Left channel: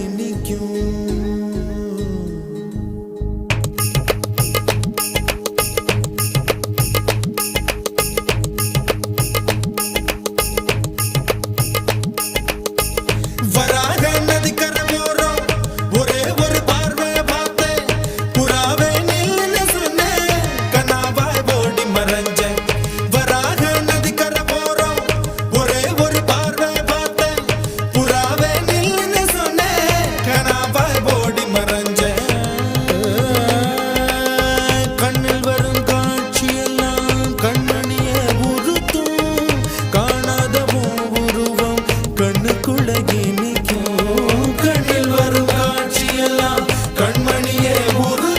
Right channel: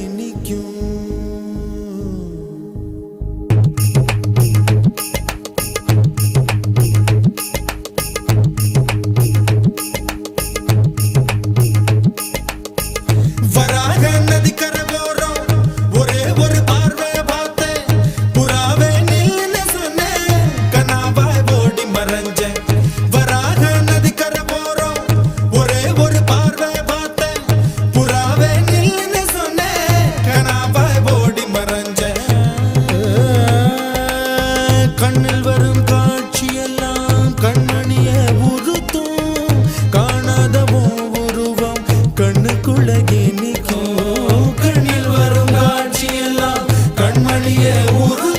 இனிக்கும். வராக நதிக்கரை போறோம், ஒரே ஒரு பார்வை பார்த்தேன், புறாவே நில்லுன்னு சொன்னேன், கனாவாய் ஓடி மறைஞ்சேன். வராக நதிக்கரை போறோம், ஒரே ஒரு பார்வை பார்த்தேன், புறாவே நில்லுன்னு சொன்னேன், கனாவாய் ஓடி மறைஞ்சேன். கண்ணில் வரும் காட்சியெல்லாம் கண்மணிய உறுத்தும், காணாதவோ உருவம் கண்ணுக்குள்ள இனிக்கும். கண்ணில் வரும் காட்சியெல்லாம் கண்மணிய உரு